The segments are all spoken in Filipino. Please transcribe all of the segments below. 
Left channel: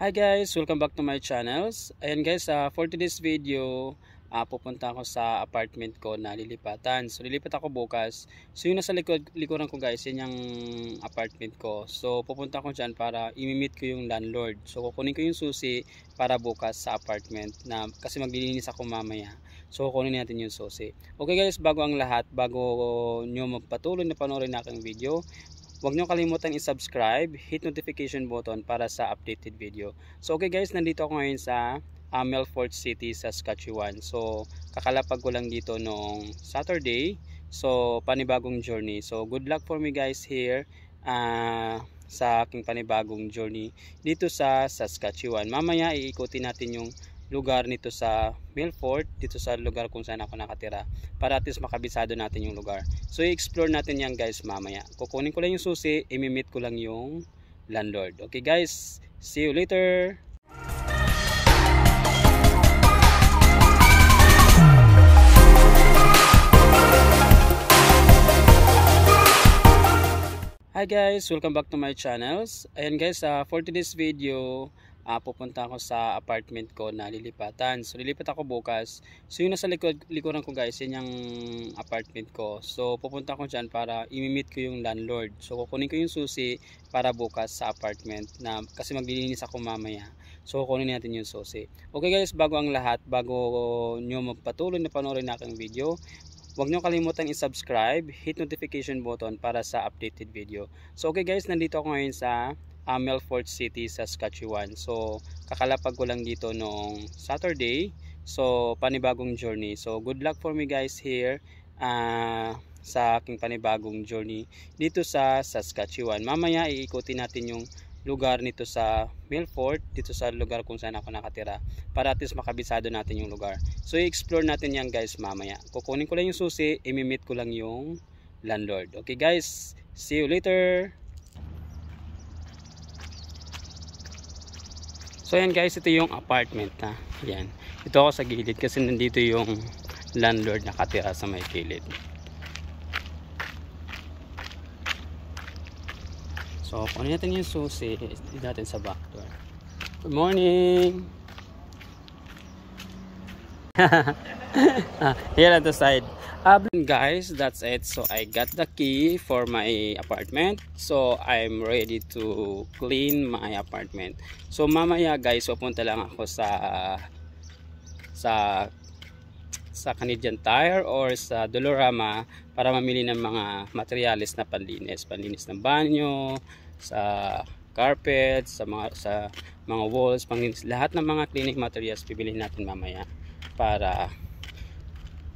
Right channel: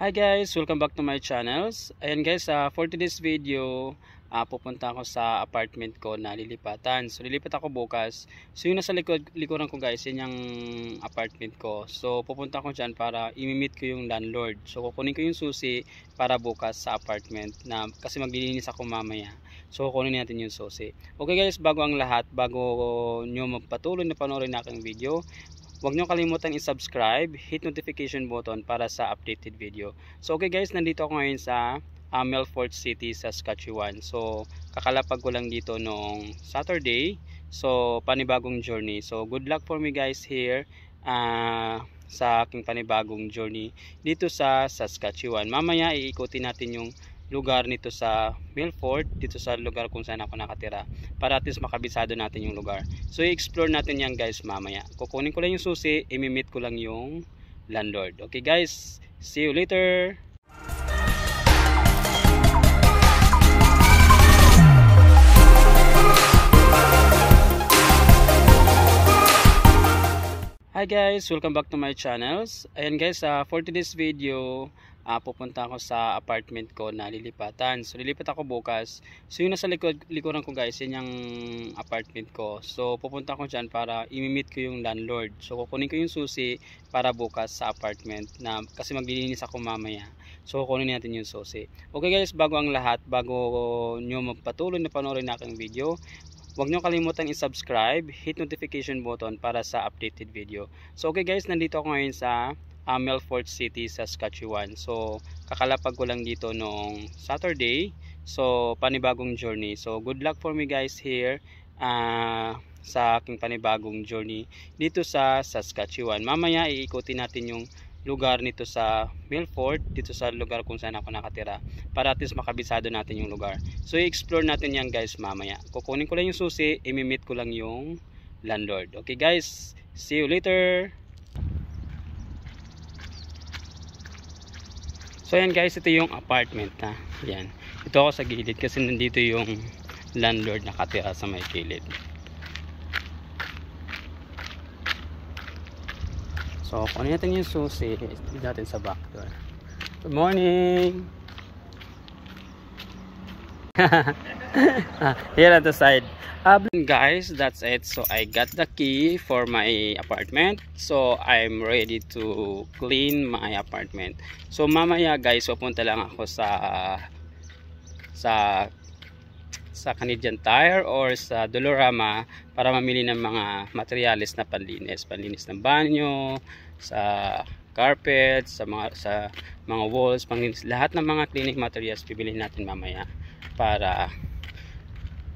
Hi guys, welcome back to my channels. Ayan guys, for today's video, pupunta ako sa apartment ko na lilipatan. So lilipat ako bukas. So yung nasa likuran ko guys, yan yung apartment ko. So pupunta ako dyan para imimit ko yung landlord. So kukunin ko yung susi para bukas sa apartment na kasi maglilinis ako mamaya. So kukunin natin yung susi. Okay guys, bago ang lahat, bago nyo magpatuloy na panoorin na aking video, huwag nyo kalimutan i-subscribe, hit notification button para sa updated video. So okay guys, nandito ako ngayon sa Melfort City, Saskatchewan. So kakalapag ko lang dito nung Saturday. So panibagong journey. So good luck for me guys here sa aking panibagong journey dito sa Saskatchewan. Mamaya iikutin natin yung lugar nito sa Melfort, dito sa lugar kung saan ako nakatira, para at least makabisado natin yung lugar. So i-explore natin yan guys mamaya. Kukunin ko lang yung susi, imimit ko lang yung landlord. Okay guys, see you later. Hi guys, welcome back to my channels. Ayan guys, for today's video, pupunta ako sa apartment ko na lilipatan. So lilipat ako bukas. So yung nasa likuran ko guys, yan yung apartment ko. So pupunta ako dyan para imimit ko yung landlord. So kukunin ko yung susi para bukas sa apartment na kasi maglilinis ako mamaya. So kukunin natin yung susi. Okay guys, bago ang lahat, bago nyo magpatuloy na panoorin na aking video, huwag nyo kalimutan i-subscribe, hit notification button para sa updated video. So okay guys, nandito ako ngayon sa Melfort City, Saskatchewan. So kakalapag ko lang dito nung Saturday. So panibagong journey. So good luck for me guys here sa aking panibagong journey dito sa Saskatchewan. Mamaya iikutin natin yung lugar nito sa Melfort, dito sa lugar kung saan ako nakatira, para at least makabisado natin yung lugar. So i-explore natin yan guys mamaya. Kukunin ko lang yung susi, imimit ko lang yung landlord. Okay guys, see you later. So yan guys, ito yung apartment na. Yan. Ito ako sa gilid kasi nandito yung landlord nakatira sa may gilid. So kunin natin yung susi, dito natin sa back door. Good morning. Here at the side. Guys, that's it. So I got the key for my apartment. So I'm ready to clean my apartment. So mamaya guys, pupunta lang ako sa Canadian Tire or sa Dollarama para mamili ng mga materyales na panlinis ng banyo, sa carpet, sa mga walls, panlinis, lahat ng mga cleaning materials bibilihin natin mamaya para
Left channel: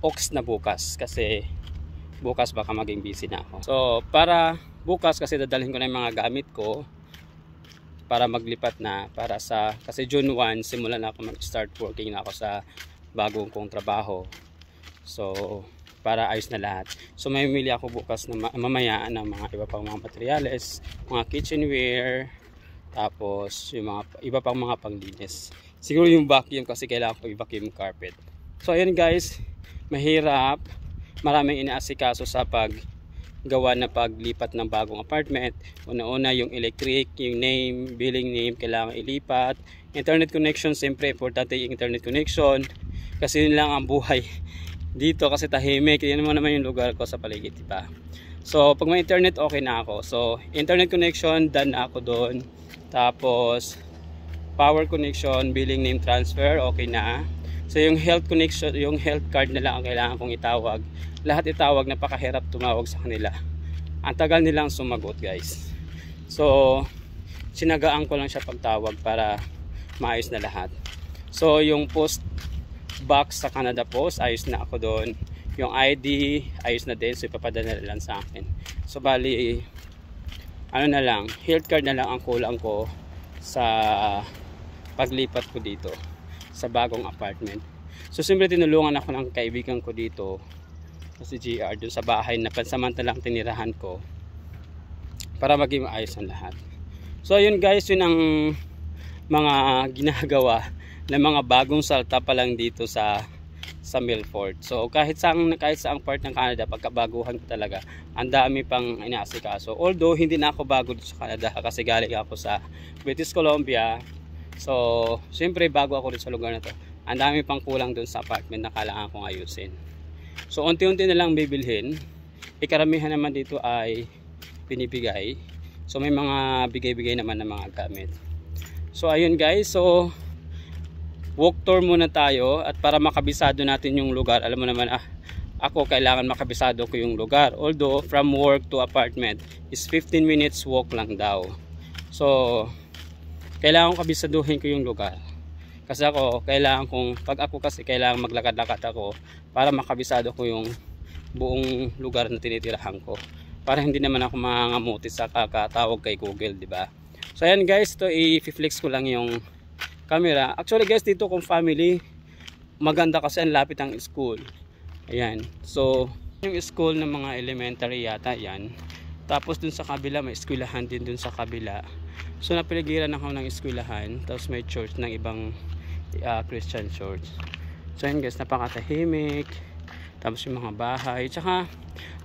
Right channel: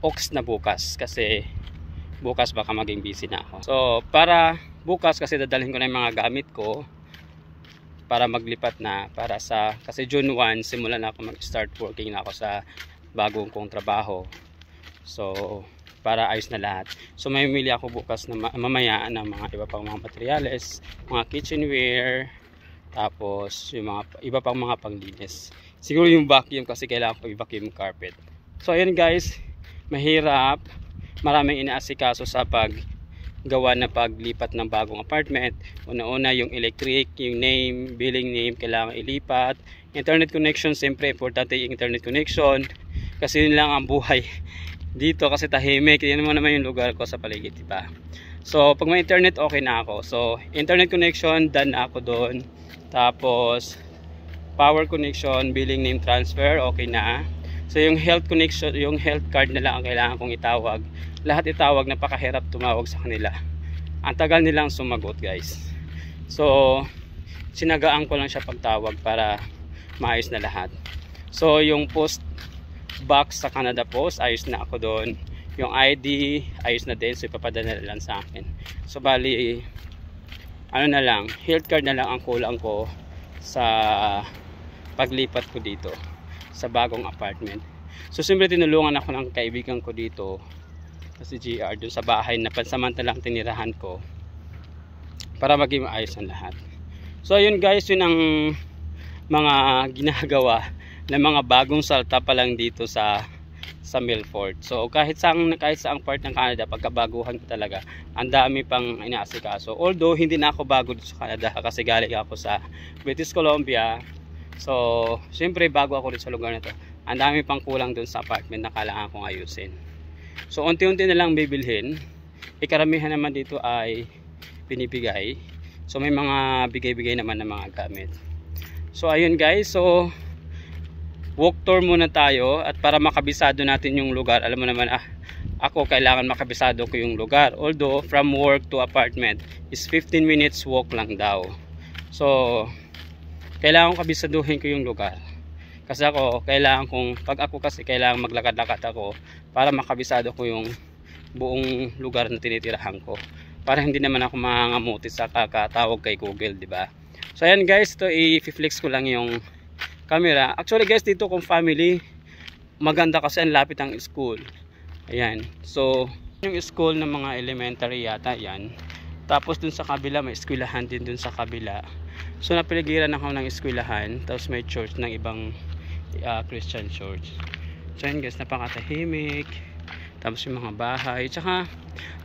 ox na bukas, kasi bukas baka maging busy na ako. So para bukas kasi dadalhin ko na yung mga gamit ko para maglipat na, para kasi June 1 simulan na ako mag-start working na ako sa bagong kong trabaho. So para ayos na lahat. So may mili ako bukas na mamaya ng mga iba pang mga materials, mga kitchenware, tapos yung mga iba pang mga panglinis. Siguro yung vacuum kasi kailangan ko i-vacuum carpet. So ayun guys, mahirap, maraming inaasikaso sa paggawa na paglipat ng bagong apartment. Una-una yung electric, yung name, billing name, kailangan ilipat. Internet connection, siyempre importante yung internet connection kasi yun lang ang buhay dito kasi tahimik. Yan naman yung lugar ko sa paligid, diba? So pag may internet, okay na ako. So internet connection, done na ako doon. Tapos power connection, billing name transfer, okay na. So yung health connection, yung health card na lang ang kailangan kong itawag. Lahat itawag, napakahirap tumawag sa kanila. Ang tagal nilang sumagot guys. So sinagaan ko lang siya pagtawag para maayos na lahat. So yung post box sa Canada Post, ayos na ako doon. Yung ID, ayos na din. So ipapadala lang sa akin. So bali, ano na lang, health card na lang ang kulang ko sa paglipat ko dito sa bagong apartment. So siyempre tinulungan ako ng kaibigan ko dito kasi GR dun sa bahay na pansamantalang tinirahan ko para maging maayos ang lahat. So yun guys, yun ang mga ginagawa ng mga bagong salta pa lang dito sa Melfort. So kahit saang part ng Canada, pagkabaguhan ko talaga, ang dami pang inaasikaso. Although hindi na ako bago dito sa Canada kasi galing ako sa British Columbia. So, siyempre bago ako rin sa lugar na to, ang dami pang kulang dun sa apartment na kailangan kong ayusin. So, unti-unti na lang bibilhin. Karamihan naman dito ay binibigay. So, may mga bigay-bigay naman ng mga gamit. So, ayun guys. So, walk tour muna tayo. At para makabisado natin yung lugar, alam mo naman, ako kailangan makabisado ko yung lugar. Although, from work to apartment is 15 minutes walk lang daw. So, kailangan kabisaduhin ko yung lugar. Kasi ako, pag ako kasi kailangan maglakad-lakad ako para makabisado ko yung buong lugar na tinitirahan ko. Para hindi naman ako mangangamuti sa kakatawag kay Google, di ba? So, ayan guys, ito i-flex ko lang yung camera. Actually guys, dito kung family, maganda kasi ang lapit ang school. Ayan. So, yung school ng mga elementary yata yan. Tapos dun sa kabila, may eskwelahan din dun sa kabila. So, napiligiran ako ng eskwelahan. Tapos may church ng ibang Christian church. So, ayan guys, napakatahimik. Tapos yung mga bahay. Tsaka,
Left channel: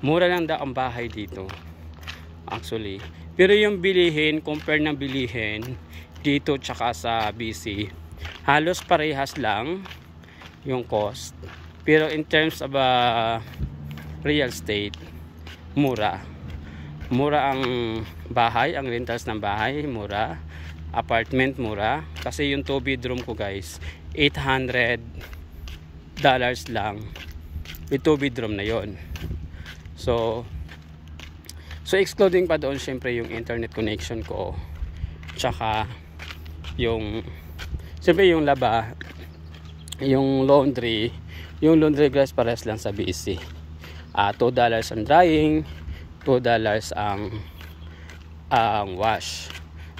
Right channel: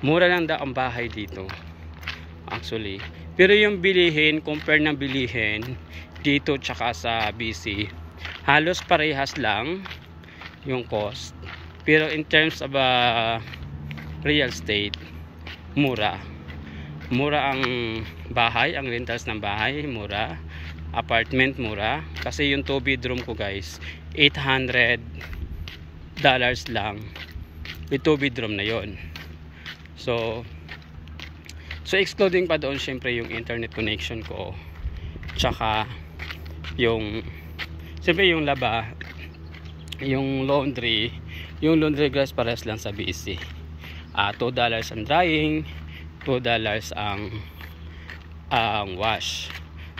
mura lang daw ang bahay dito. Actually. Pero yung bilihin, compare ng bilihin dito tsaka sa BC, halos parehas lang yung cost. Pero in terms of real estate, mura ang bahay, ang rentals ng bahay mura, apartment mura. Kasi yung 2 bedroom ko guys, $800 lang with 2 bedroom na yon. So excluding pa doon syempre yung internet connection ko, tsaka yung syempre yung laba, yung laundry guys, pares lang sa BC. $2 ang drying, $2 ang wash.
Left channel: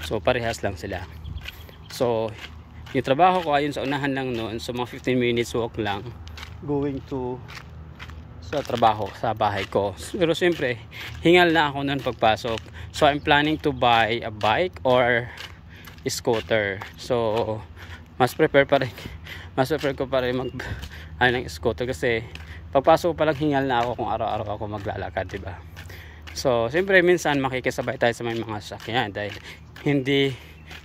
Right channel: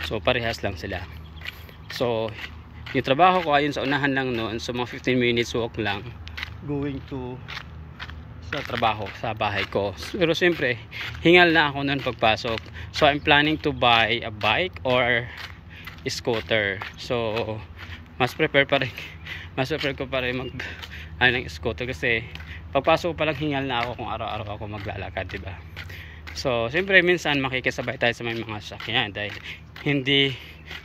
So parehas lang sila. So yung trabaho ko ayun sa unahan lang noon, so mga 15 minutes walk lang going to sa trabaho sa bahay ko. Pero siyempre hingal na ako noon pagpasok. So I'm planning to buy a bike or a scooter. So mas prepare ko pa rin mag ng scooter kasi pagpasok pa lang hingal na ako kung araw-araw ako maglalakad, diba? So siyempre minsan makikisabay tayo sa may mga sakyan dahil hindi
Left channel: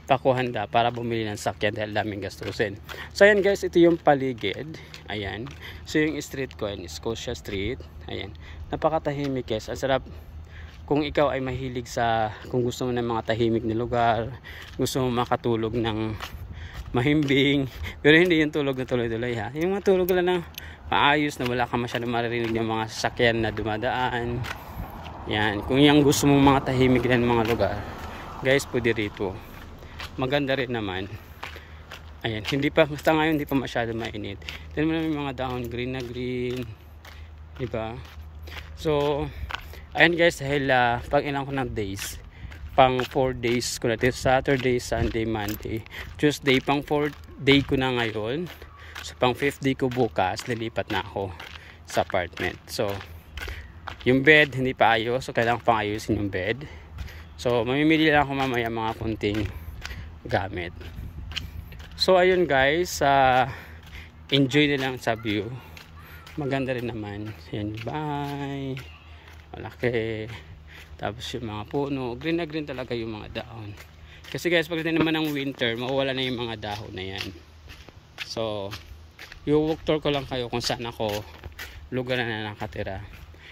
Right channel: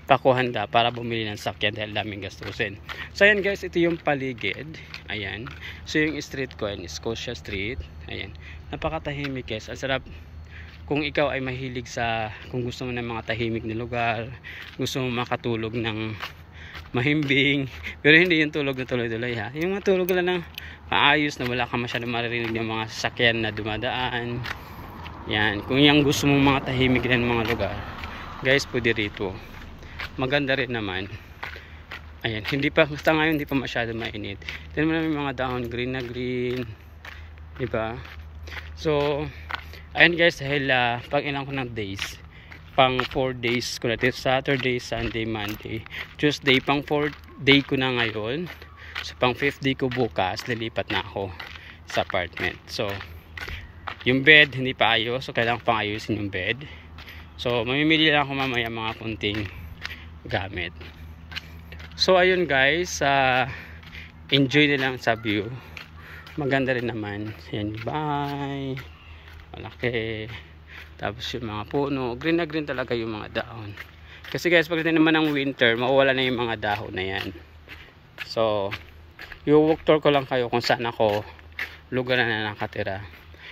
pa ko handa para bumili ng sakyan dahil daming gastusin. So ayan guys, ito yung paligid. Ayan. So yung street ko, ayan, Scotia Street. Ayan. Napakatahimik guys. Ang sarap kung ikaw ay mahilig kung gusto mo ng mga tahimik na lugar, gusto mo makatulog ng mahimbing, pero hindi yung tulog na tuloy-tuloy ha. Yung matulog lang ng maayos na wala ka masyadong maririnig yung mga sasakyan na dumadaan. Yan. Kung yung gusto mo mga tahimik na mga lugar, guys, pwede rito. Maganda rin naman. Ayan, sa ngayon hindi pa masyado mainit. Tignan mo na may mga dahon, green na green, diba? So ayan guys, dahil pag ilang ko ng days, pang 4 days ko na, Saturday, Sunday, Monday, Tuesday, pang 4 day ko na ngayon. So pang 5th day ko bukas, lilipat na ako sa apartment. So yung bed hindi pa ayos, so kailangan pang ayusin yung bed. So mamimili lang ako mamaya mga kunting gamit. So ayun guys, enjoy na lang sa view. Maganda rin naman. Ayan yung bahay, malaki. Tapos yung mga puno, green na green talaga yung mga dahon. Kasi guys, pagdating naman ng winter, mawawala na yung mga dahon na yan. So i-walk tour ko lang kayo kung saan ako lugar na nakatira.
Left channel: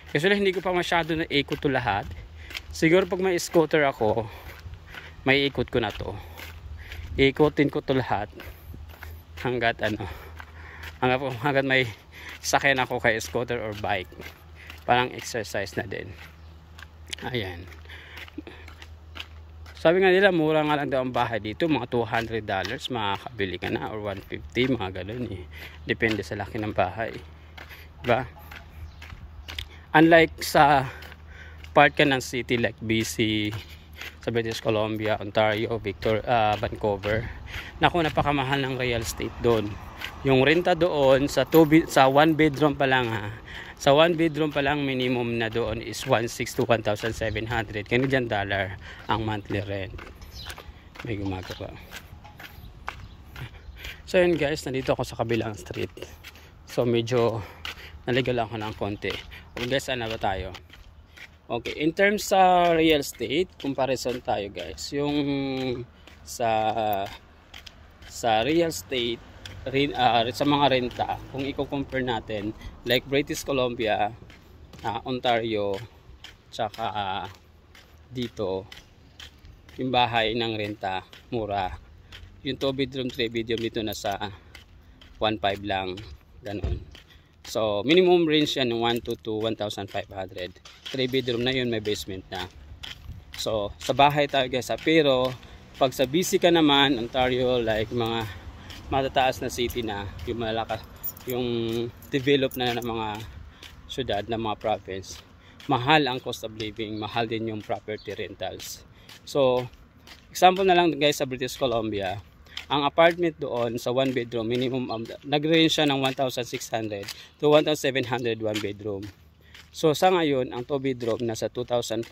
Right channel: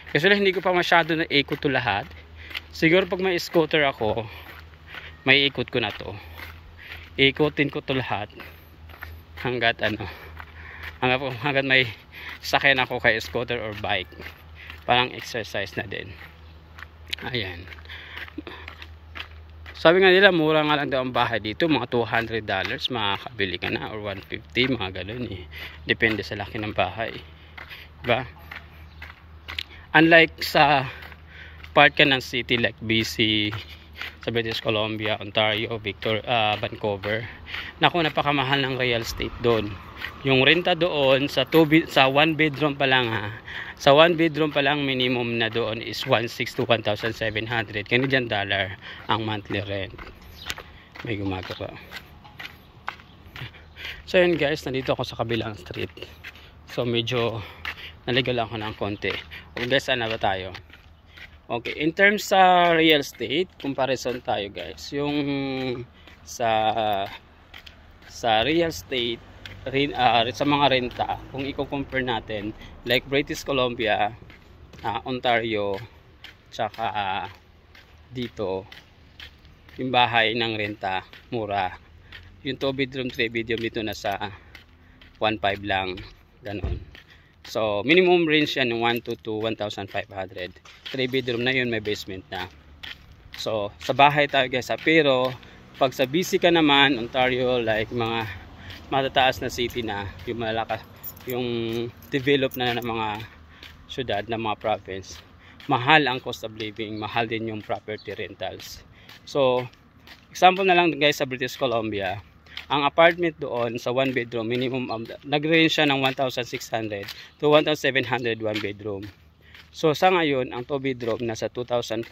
Kasi hindi ko pa masyado na ikot to lahat. Siguro pag may scooter ako, may ikot ko na to. Ikutin ko to lahat hanggat may sakyan ako kay scooter or bike. Parang exercise na din. Ayan. Sabi nga nila mura nga lang daw ang bahay dito, mga $200 makakabili ka na, or $150, mga ganun eh. Depende sa laki ng bahay, diba? Unlike sa part ka ng city like BC, sa British Columbia, Ontario, Vancouver, naku, napakamahal ng real estate doon. Yung renta doon sa 1 bedroom pa lang sa 1 bedroom pa lang, minimum na doon is 1,600 to 1,700 Canadian dollar ang monthly rent. May gumagawa. So yun guys, nandito ako sa kabilang street. So medyo naligal ako ng konti. Okay guys, saan na ba tayo? Okay, in terms sa real estate, comparison tayo guys. Yung sa sa real estate, sa mga renta, kung i-compare natin, like British Columbia, Ontario, tsaka dito, yung bahay ng renta, mura. Yung 2 bedroom, 3 bedroom dito nasa 1.5 lang, ganun. So, minimum range yan ng 1 to 1,500. 3 bedroom na yun, may basement na. So, sa bahay tayo guys. Pero, pag sa BC ka naman, Ontario, like mga matataas na city na, yung malaka, yung develop na ng mga syudad, na mga province, mahal ang cost of living, mahal din yung property rentals. So, example na lang guys sa British Columbia, ang apartment doon sa 1 bedroom, minimum nag-range siya ng 1,600 to 1,700 1 bedroom. So sa ngayon, ang 2 bedroom nasa 2,500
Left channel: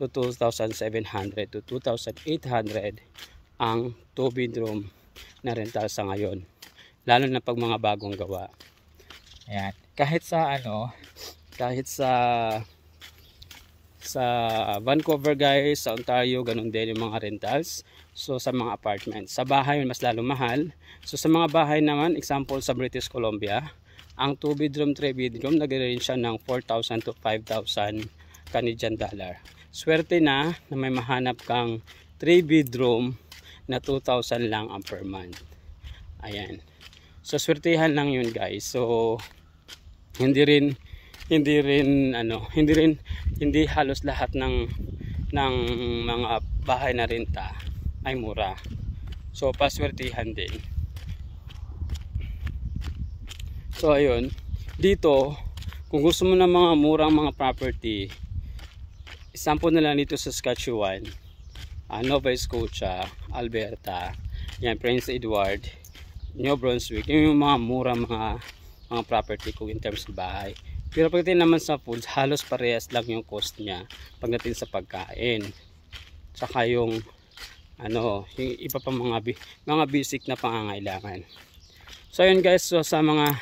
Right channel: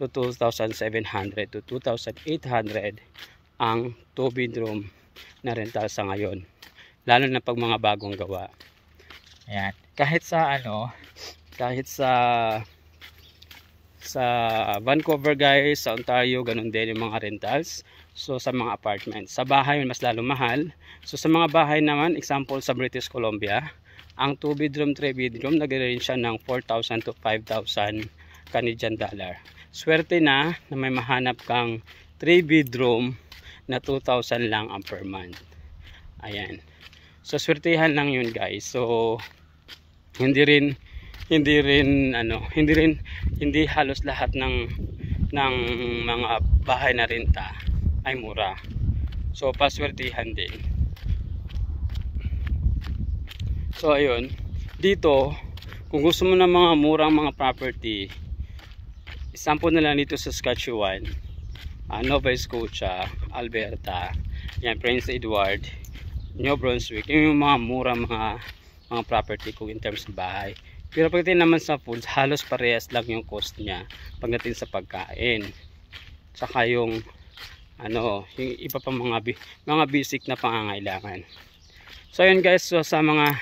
to 2,700 to 2,800 ang 2 bedroom na rental sa ngayon. Lalo na pag mga bagong gawa. Ayan. Kahit sa Vancouver guys, sa Ontario, ganun din yung mga rentals. So sa mga apartments, sa bahay mas lalo mahal. So sa mga bahay naman, example sa British Columbia, ang 2 bedroom, 3 bedroom nag-range siya ng 4,000 to 5,000 Canadian dollar. Swerte na may mahanap kang 3 bedroom na 2,000 lang ang per month. Ayan. So swertihan lang yun guys. So hindi halos lahat ng mga bahay na renta ay mura. So paswertihan din. So ayun, dito kung gusto mo ng mga murang mga property, example na lang dito sa Saskatchewan, Nova Scotia, Alberta, yan, Prince Edward, New Brunswick, yung mga murang mga property ko in terms of bahay. Pero pagdating naman sa foods, halos parehas lang yung cost niya pagdating sa pagkain. Saka yung yung iba pa mga basic na pangangailangan. So yun guys, so sa mga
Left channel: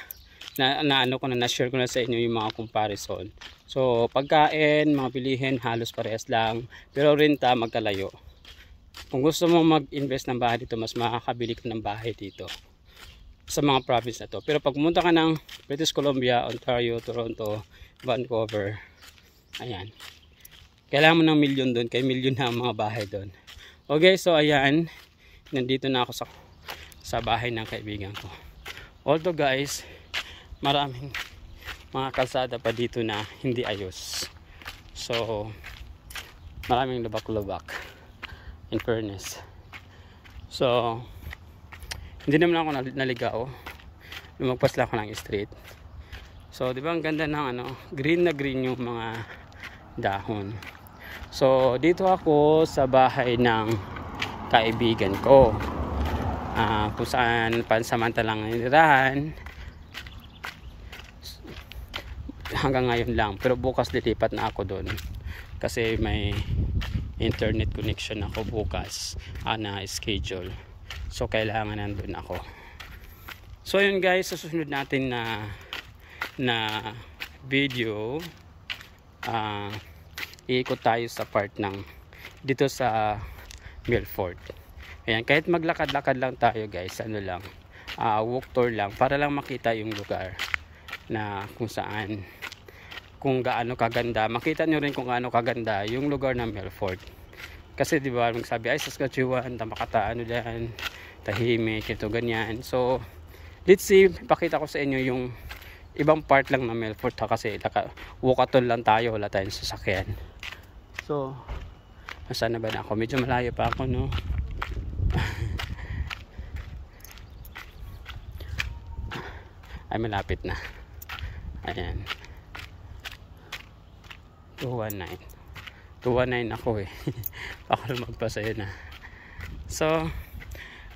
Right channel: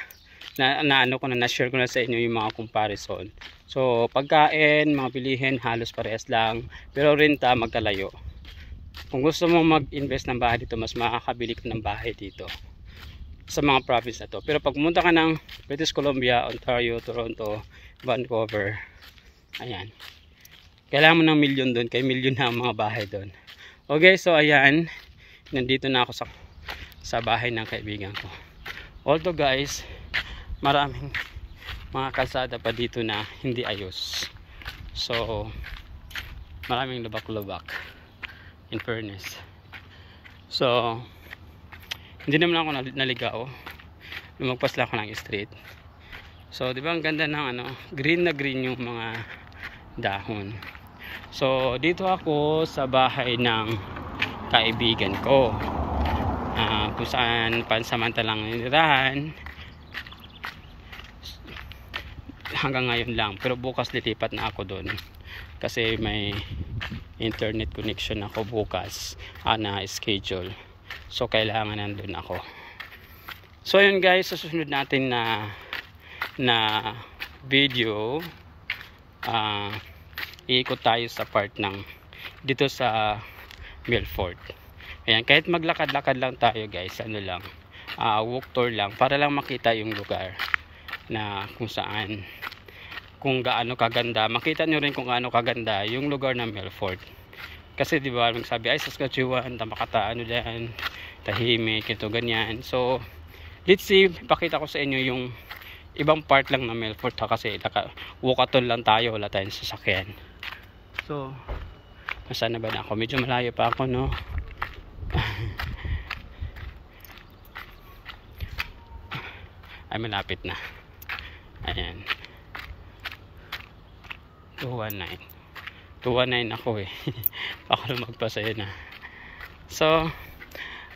na-share ko na sa inyo yung mga comparison. So pagkain, mga bilihin halos parehas lang, pero renta magkalayo. Kung gusto mo mag-invest ng bahay dito, mas makakabili ka ng bahay dito sa mga province na to. Pero pag pumunta ka ng British Columbia, Ontario, Toronto, Vancouver, ayan, kailangan mo ng milyon doon, kaya milyon na ang mga bahay doon. Okay, so ayan, nandito na ako sa bahay ng kaibigan ko. Although guys, maraming mga kalsada pa dito na hindi ayos. So maraming lubak-lubak, in fairness. So hindi naman ako naligaw, lumagpas lang ako ng street. So di ba ang ganda ng green na green yung mga dahon. So dito ako sa bahay ng kaibigan ko, kung saan pansamantalang nitirahan hanggang ngayon lang. Pero bukas lilipat na ako doon kasi may internet connection ako bukas na schedule. So kailangan nandun ako. So yun guys, sa susunod natin na video, iikot tayo sa part ng dito sa Milford. Ayan, kahit maglakad-lakad lang tayo guys, walk tour lang para lang makita yung lugar na kung gaano kaganda. Makita nyo rin kung gaano kaganda yung lugar ng Milford. Kasi di ba sabi ay Saskatchewan, diyan, tahimik, ito ganyan. So let's see, pakita ko sa inyo yung ibang part lang ng Milford kasi walkathon lang tayo, wala tayong sasakyan. So nasaan na ba na ako? Medyo malayo pa ako, no? Ay, malapit na. Ayan, 219 ako eh. Ako magpasaya na. So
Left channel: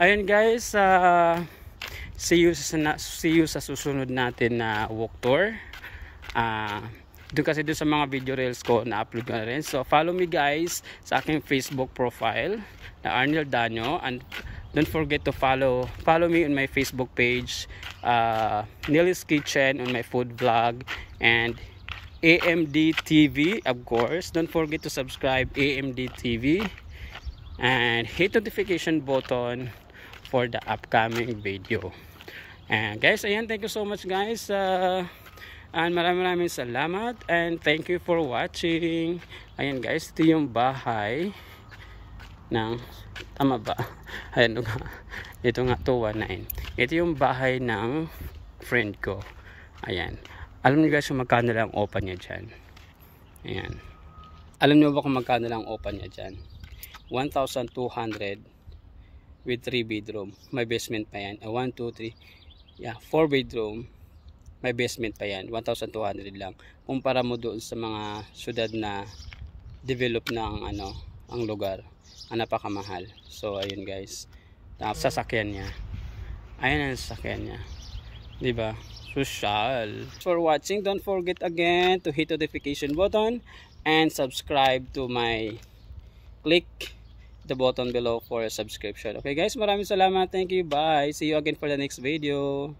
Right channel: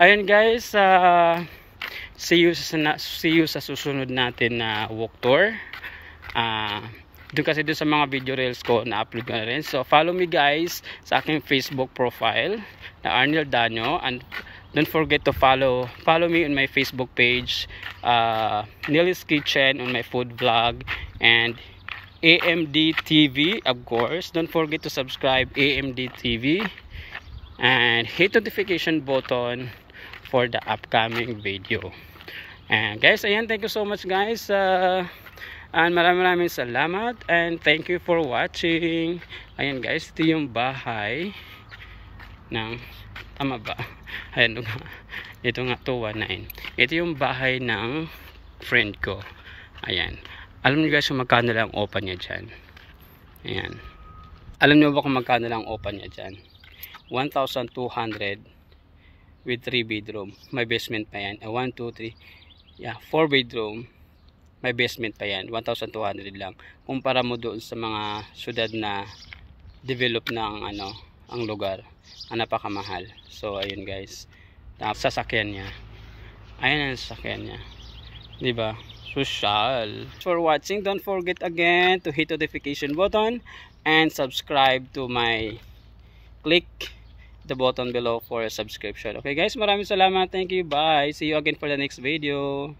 ayun guys, see you sa susunod natin na walk tour. Doon kasi doon sa mga video reels ko na upload ko na rin. So follow me guys sa aking Facebook profile na Arnel Danyo, and don't forget to follow me on my Facebook page, Nilly's Kitchen, on my food vlog, and AMD TV, of course. Don't forget to subscribe AMD TV and hit notification button for the upcoming video. And guys, ayan, thank you so much guys. And maraming salamat and thank you for watching. Ayan guys, ito yung bahay ng, tama ba? Ayan nga, ito nga 219. Ito yung bahay ng friend ko. Ayan, alam niyo guys kung magkano lang opa niya dyan. Ayan, alam niyo ba kung magkano lang opa niya dyan? 1,200 with 3 bedroom. May basement pa yan. 1, 2, 3. Yeah, 4 bedroom. May basement pa yan. 1,200 lang. Kumpara mo doon sa mga syudad na develop ng ang lugar. Ang napakamahal. So ayun guys. Sasakyan niya. Ayan ang sasakyan niya. 'Di ba? Social. For watching, don't forget again to hit the notification button and subscribe to my, click the button below for a subscription. Okay guys, maraming salamat. Thank you. Bye. See you again for the next video.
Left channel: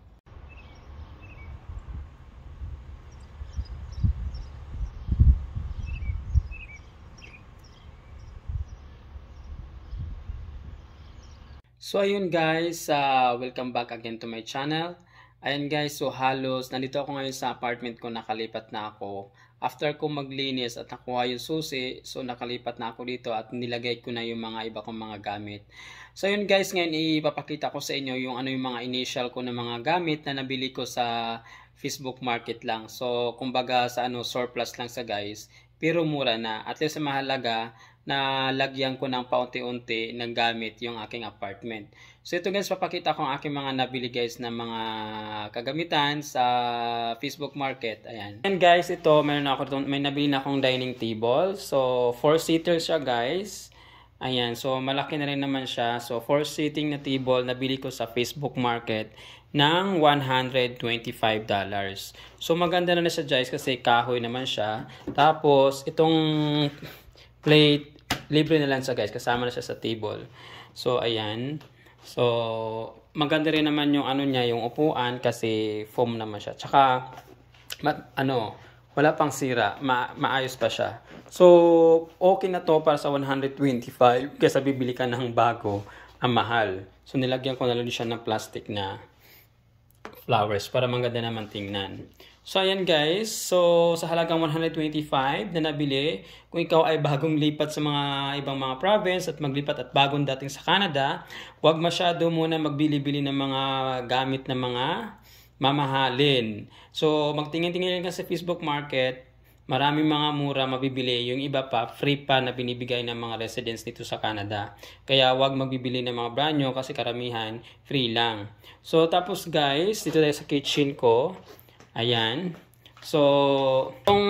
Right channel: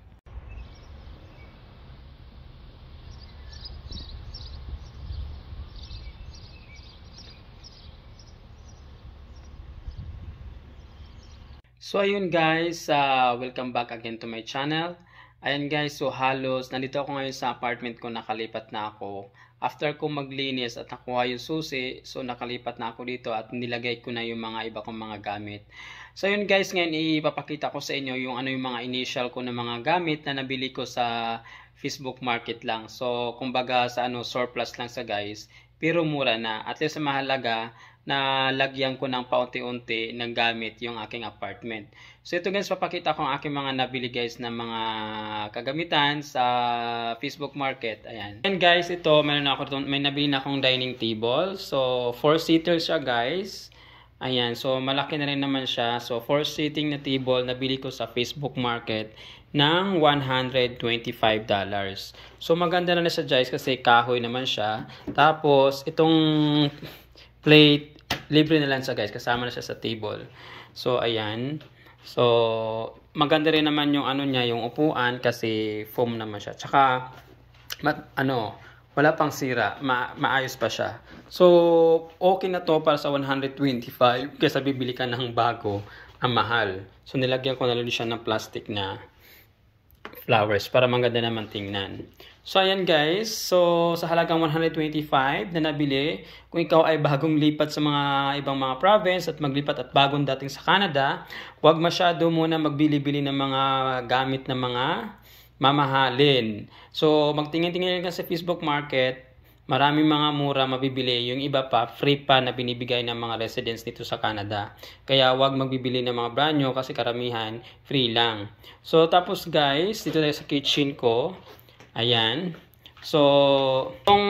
So ayun guys, welcome back again to my channel. Ayun guys, so halos nandito ako ngayon sa apartment ko, nakalipat na ako. After ko maglinis at nakuha yung susi, so nakalipat na ako dito at nilagay ko na yung mga iba kong mga gamit. So ayun guys, ngayon ipapakita ko sa inyo yung yung mga initial ko na mga gamit na nabili ko sa Facebook Market lang. So kumbaga sa surplus lang sa guys, pero mura na. At least sa mahalaga na lagyan ko ng paunti-unti ng gamit yung aking apartment. So ito guys, papakita ko ang aking mga nabili guys na mga kagamitan sa Facebook Market. Ayan. And guys, ito may nabili na akong dining table. So 4-seater siya guys. Ayan, so malaki na rin naman siya. So 4-seating na table nabili ko sa Facebook Market ng $125. So maganda na siya guys kasi kahoy naman siya. Tapos itong plate libre na lang siya guys, kasama na siya sa table. So ayan. So maganda rin naman yung niya, yung upuan kasi foam naman siya. Tsaka wala pang sira, maayos pa siya. So okay na to para sa 125 kasi bibili ka ng bago, ang mahal. So nilagyan ko na lang siya ng plastic na flowers para maganda naman tingnan. So ayan guys, so sa halagang 125 na nabili, kung ikaw ay bagong lipat sa mga ibang mga province at maglipat at bagong dating sa Canada, huwag masyado muna magbili-bili ng mga gamit na mga mamahalin. So magtingin-tingin ka sa Facebook Market, maraming mga mura mabibili, yung iba pa free pa na binibigay ng mga residents dito sa Canada. Kaya huwag magbibili ng mga brand new kasi karamihan free lang. So tapos guys, dito tayo sa kitchen ko. Ayan. So, itong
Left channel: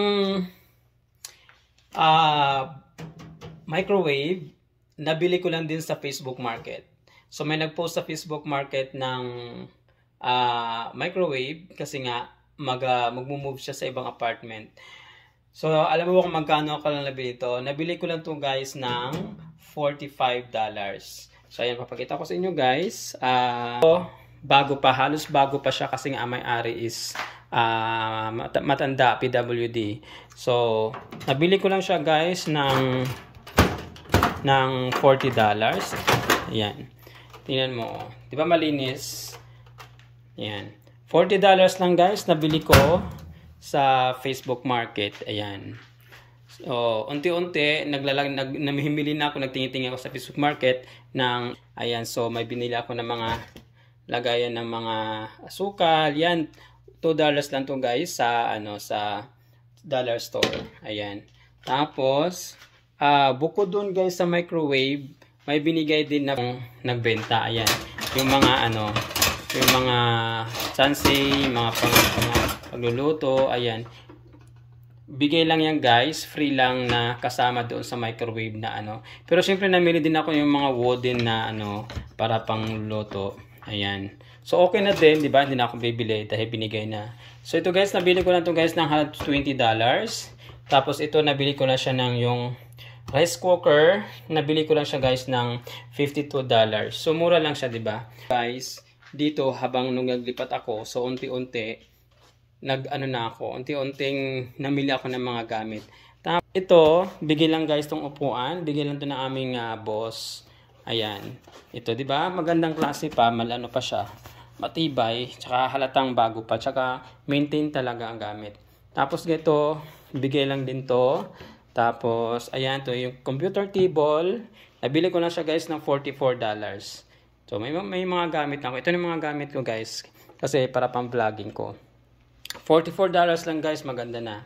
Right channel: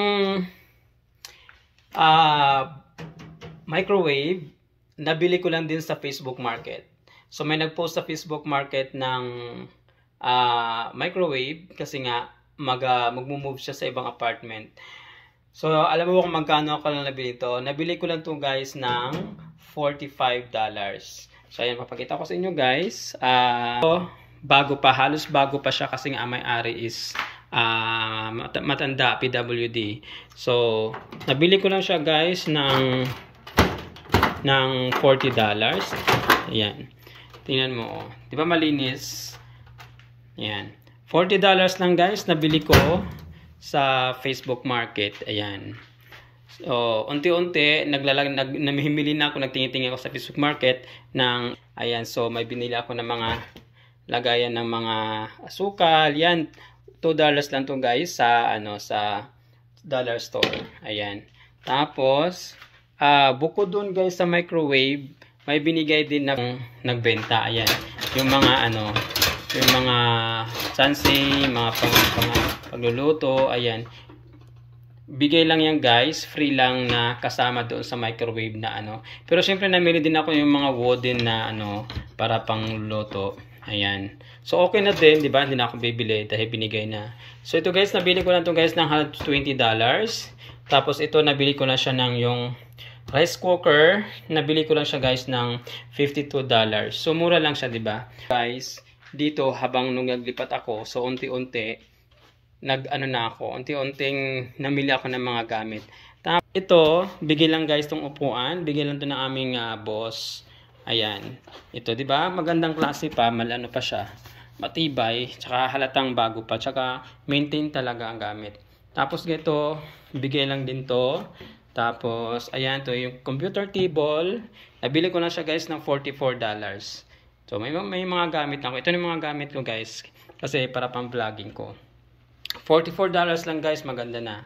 microwave, nabili ko lang din sa Facebook Market. So, may nagpost sa Facebook Market ng microwave kasi nga magmo-move siya sa ibang apartment. So, alam mo kung magkano ako lang nabili ito? Nabili ko lang ito guys ng $45. So, ayan, papakita ko sa inyo guys. Bago pa, halos bago pa siya kasi nga may-ari is matanda, PWD. So nabili ko lang siya guys ng $40. Ayan, tingnan mo, di ba malinis? Ayan, $40 lang guys nabili ko sa Facebook Market. Ayan, so unti-unti namimili na ako, nagtingin-tingin ako sa Facebook Market ng, ayan, so may binili ako ng mga lagayan ng mga asukal. Yan, $2 lang to guys sa sa dollar store. Ayan. Tapos bukod doon guys sa microwave, may binigay din na nagbenta. Ayan. Yung mga yung mga sansing, mga pagluluto, ayan. Bigay lang yan guys, free lang na kasama doon sa microwave na Pero syempre namili din ako yung mga wooden na para pangluto. Ayan. So okay na din, 'di ba? Hindi na ako bibili dahil binigay na. So ito guys, nabili ko lang 'to guys ng $20. Tapos ito nabili ko na siya ng yung rice cooker, nabili ko lang siya guys ng $52. So mura lang siya, 'di ba? Guys, dito habang nung naglipat ako, so unti-unti unti-unting namili ako ng mga gamit. Tapos ito, bigay lang guys tong upuan, bigay lang 'to ng aming boss. Ayan. Ito, 'di ba? Magandang klase pa, malano pa siya. Matibay, tsaka halatang bago pa, tsaka maintain talaga ang gamit. Tapos ito, bigay lang din to. Tapos, ayan, to yung computer table. Nabili ko na siya guys ng $44. So, may mga gamit lang ko. Ito yung mga gamit ko guys. Kasi para pang vlogging ko. $44 lang guys, maganda na.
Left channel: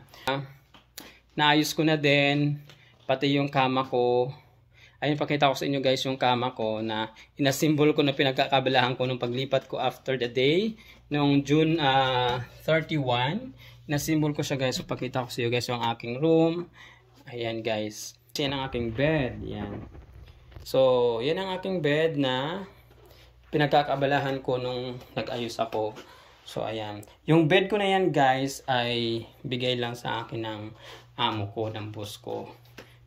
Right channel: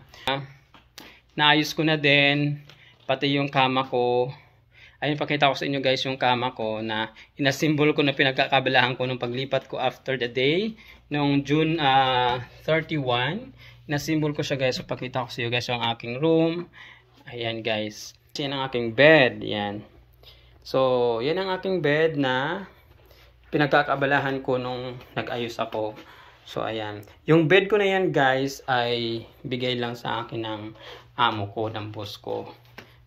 Naayos ko na din. Pati yung kama ko. Ayun, pakita ko sa inyo guys yung kama ko na inasimbol ko na pinagkakabilahan ko nung paglipat ko after the day. Noong June 31. Inasimbol ko siya guys. So, pakita ko sa inyo guys yung aking room. Ayan guys. Yan ang aking bed. Yan. So, yan ang aking bed na pinagkakabalahan ko nung nag-ayos ako. So, ayan. Yung bed ko na yan guys ay bigay lang sa akin ng amo ko, ng boss ko,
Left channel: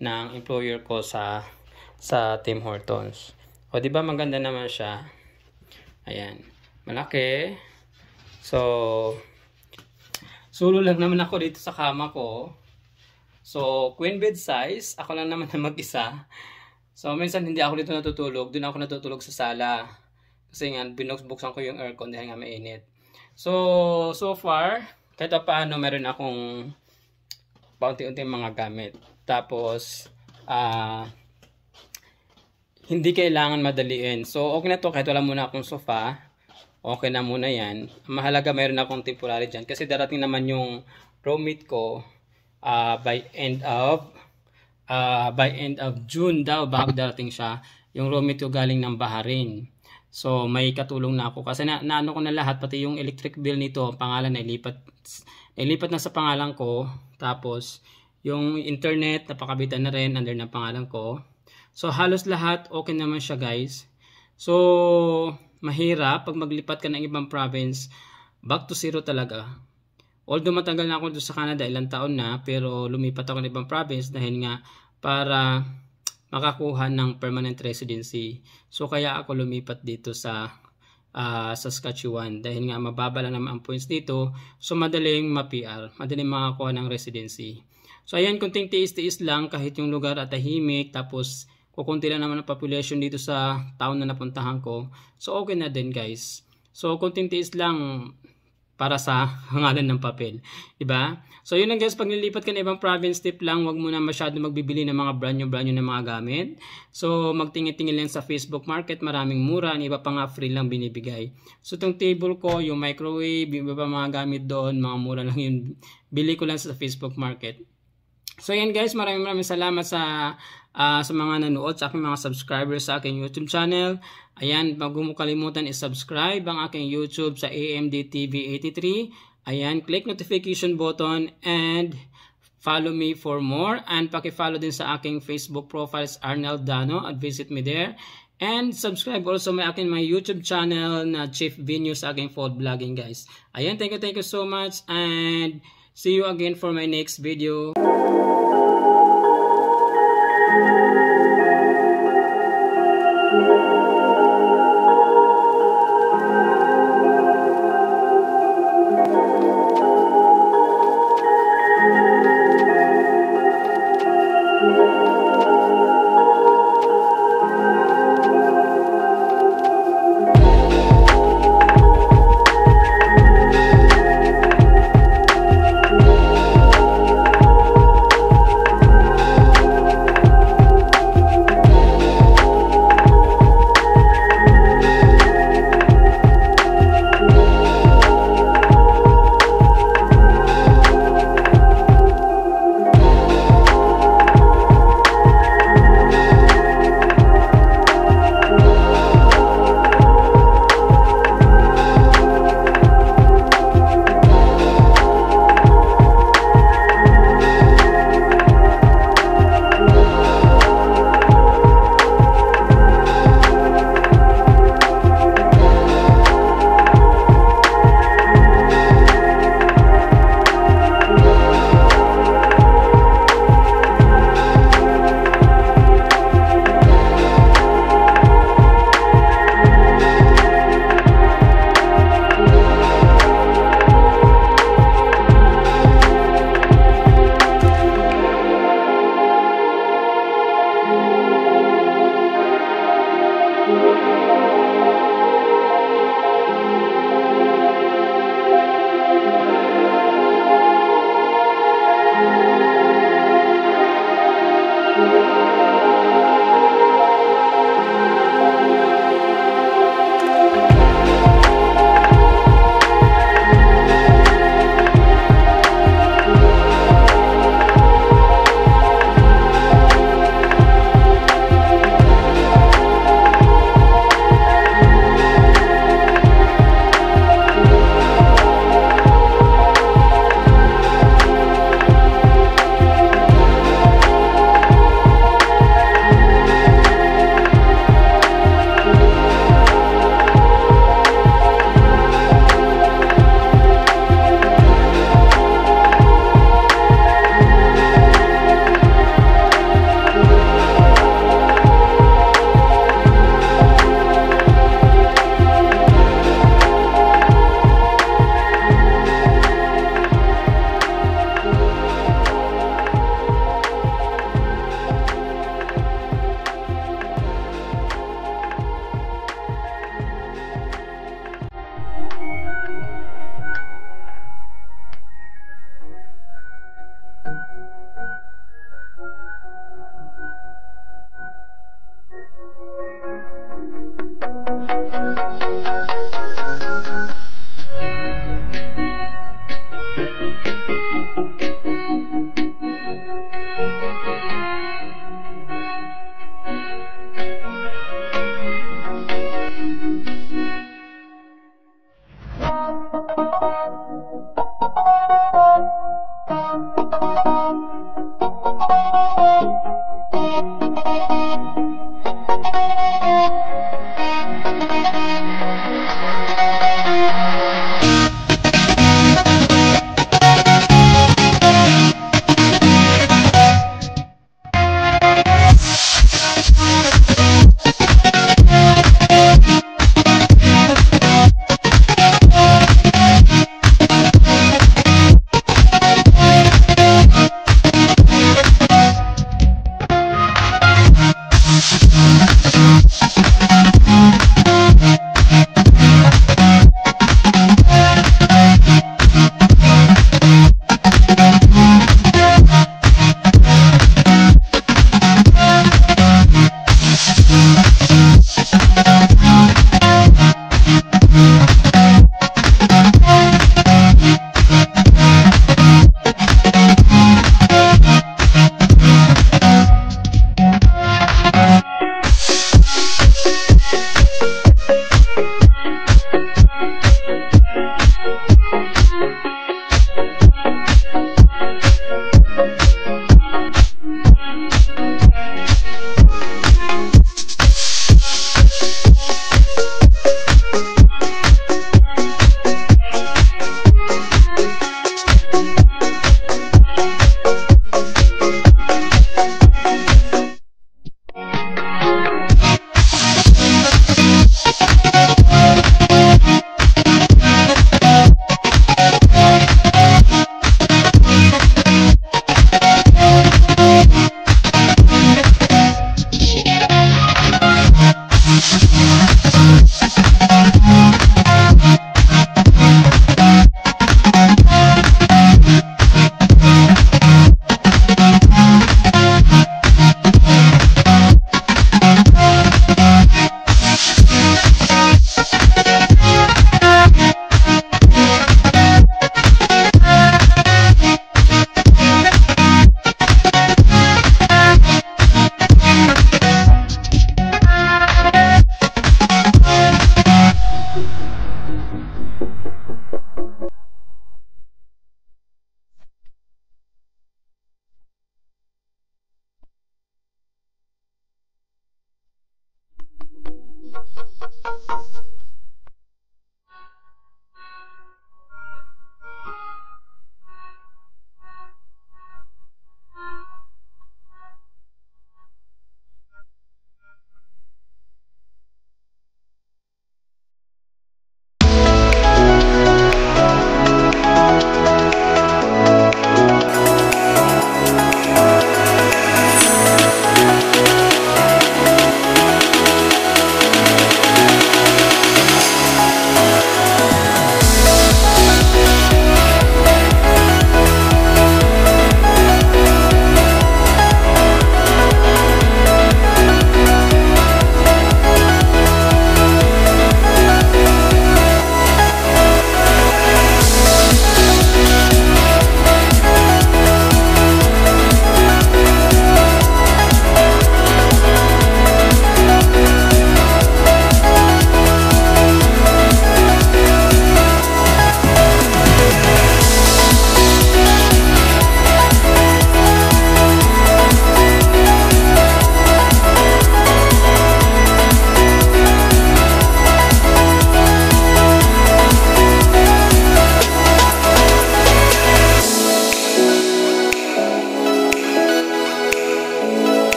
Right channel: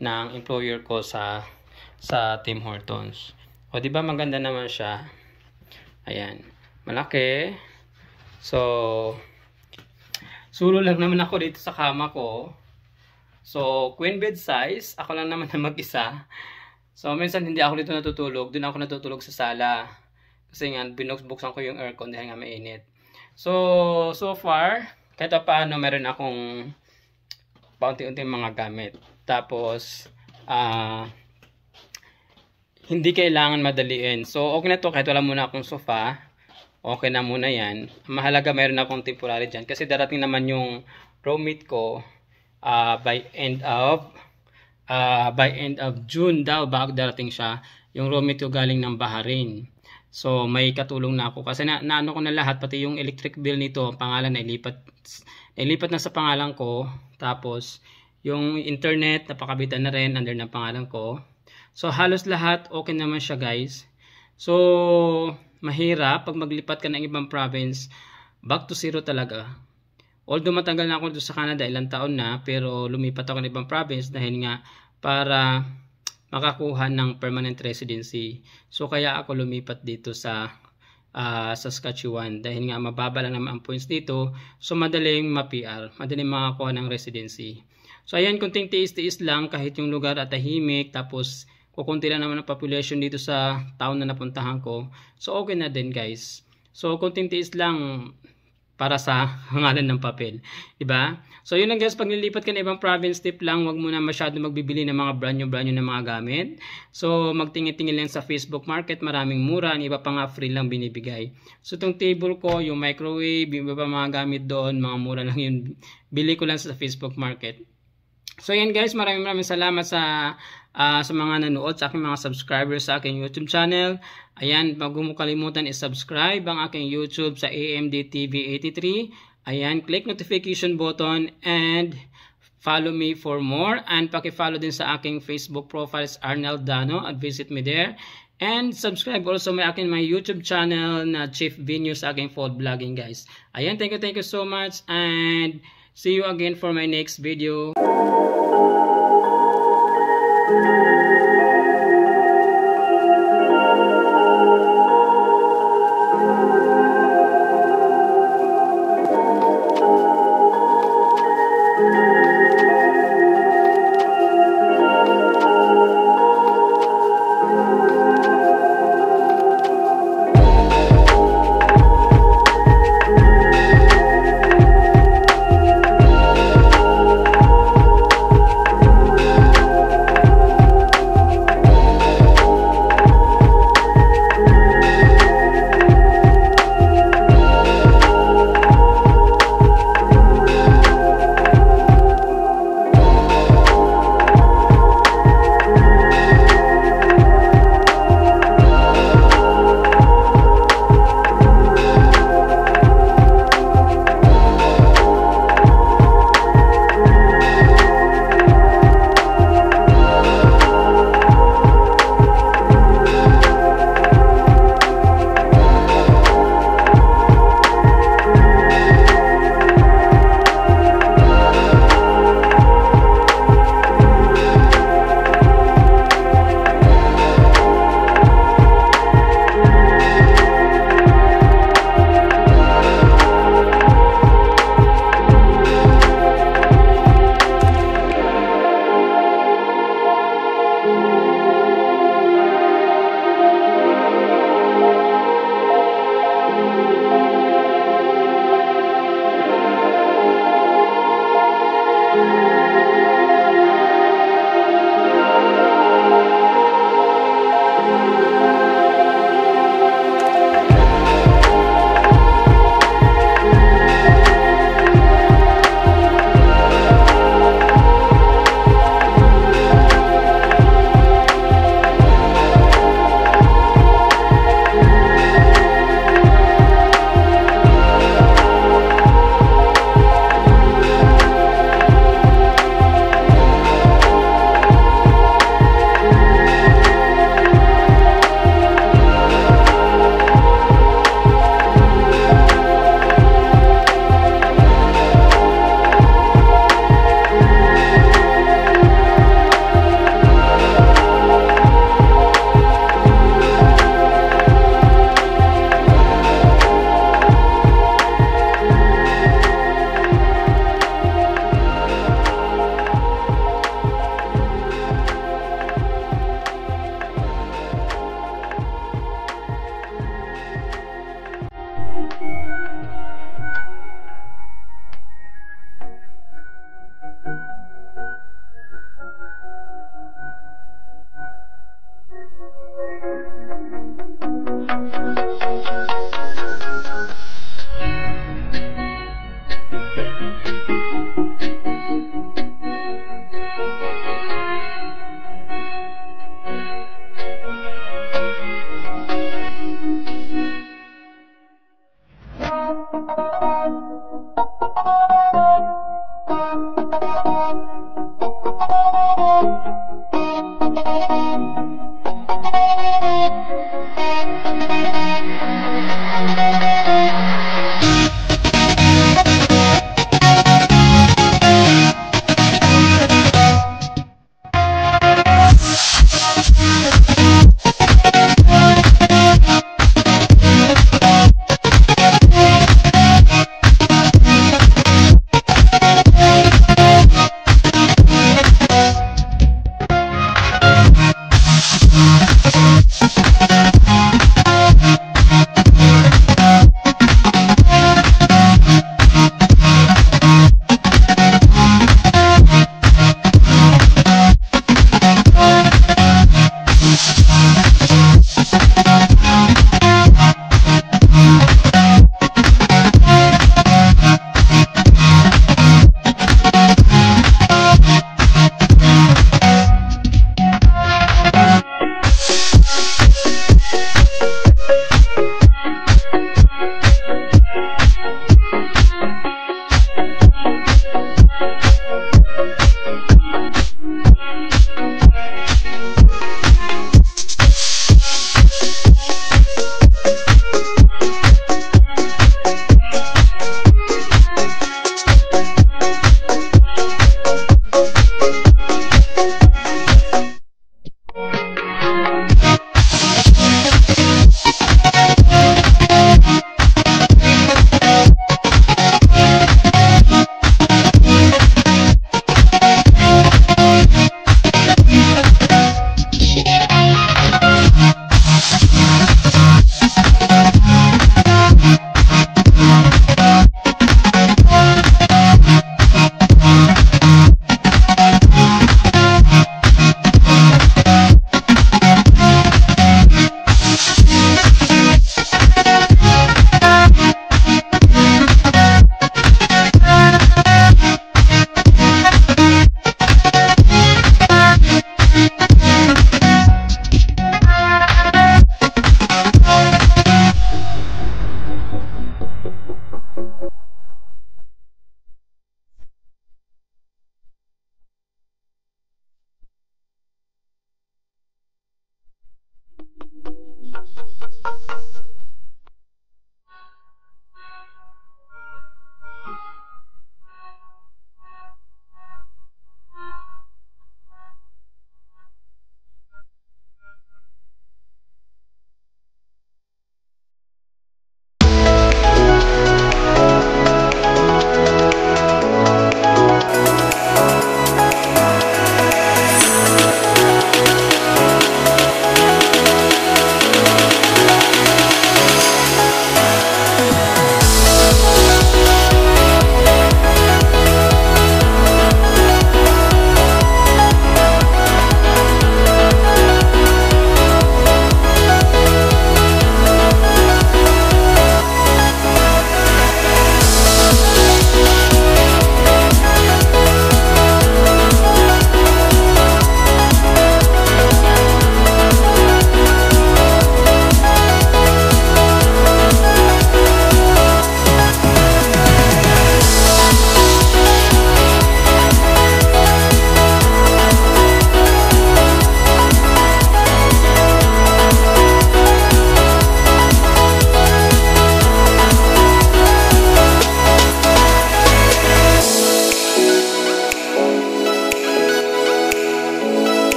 ng employer ko sa Tim Hortons. O, diba maganda naman siya? Ayan. Malaki. So, sulo lang naman ako dito sa kama ko. So, queen bed size. Ako lang naman na mag-isa. So, minsan hindi ako dito natutulog. Doon ako natutulog sa sala. Kasi nga, binuksan ko yung aircon dahil nga mainit. So far, kahit paano, meron akong paunti-unting mga gamit. Tapos, hindi kailangan madaliin. So, okay na to kahit wala muna akong sofa. Okay na muna yan. Mahalaga meron akong temporary dyan. Kasi darating naman yung roommate ko by end of June daw bago darating siya. Yung roommate ko galing ng Bahrain. So, may katulong na ako. Kasi naano ko na lahat. Pati yung electric bill nito, pangalan na ilipat na sa pangalan ko. Tapos, yung internet, napakabitan na rin under ng pangalan ko. So, halos lahat, okay naman siya guys. So, mahirap pag maglipat ka ng ibang province, back to zero talaga. Although matagal na ako doon sa Canada, ilang taon na, pero lumipat ako ng ibang province dahil nga para makakuha ng permanent residency. So, kaya ako lumipat dito sa Saskatchewan dahil nga mababa lang naman ang points dito. So, madaling ma-PR, madaling makakuha ng residency. So, ayan, kunting tiis-tiis lang kahit yung lugar at tahimik, tapos kukunti lang naman ang population dito sa town na napuntahan ko. So, okay na din guys. So, kunting tiis lang para sa hangalan ng papel. Diba? So, yun lang guys. Pag nilipat ka na ibang province, tip lang, wag muna masyado magbibili ng mga brand new na mga gamit. So, magtingin-tingin lang sa Facebook Market. Maraming mura. Ang iba pa nga free lang binibigay. So, itong table ko, yung microwave, yung iba pa mga gamit doon, mga mura lang yun. Bili ko lang sa Facebook Market. So, yan guys. Maraming salamat sa mga nanood, sa aking mga subscribers sa aking YouTube channel. Ayan, wag mo kalimutan i-subscribe ang aking YouTube sa AMD TV 83. Ayan, click notification button and follow me for more. And paki-follow din sa aking Facebook profiles, Arnel Dano, at visit me there. And subscribe also my YouTube channel na Chief Venue sa aking food vlogging guys. Ayan, thank you so much and see you again for my next video.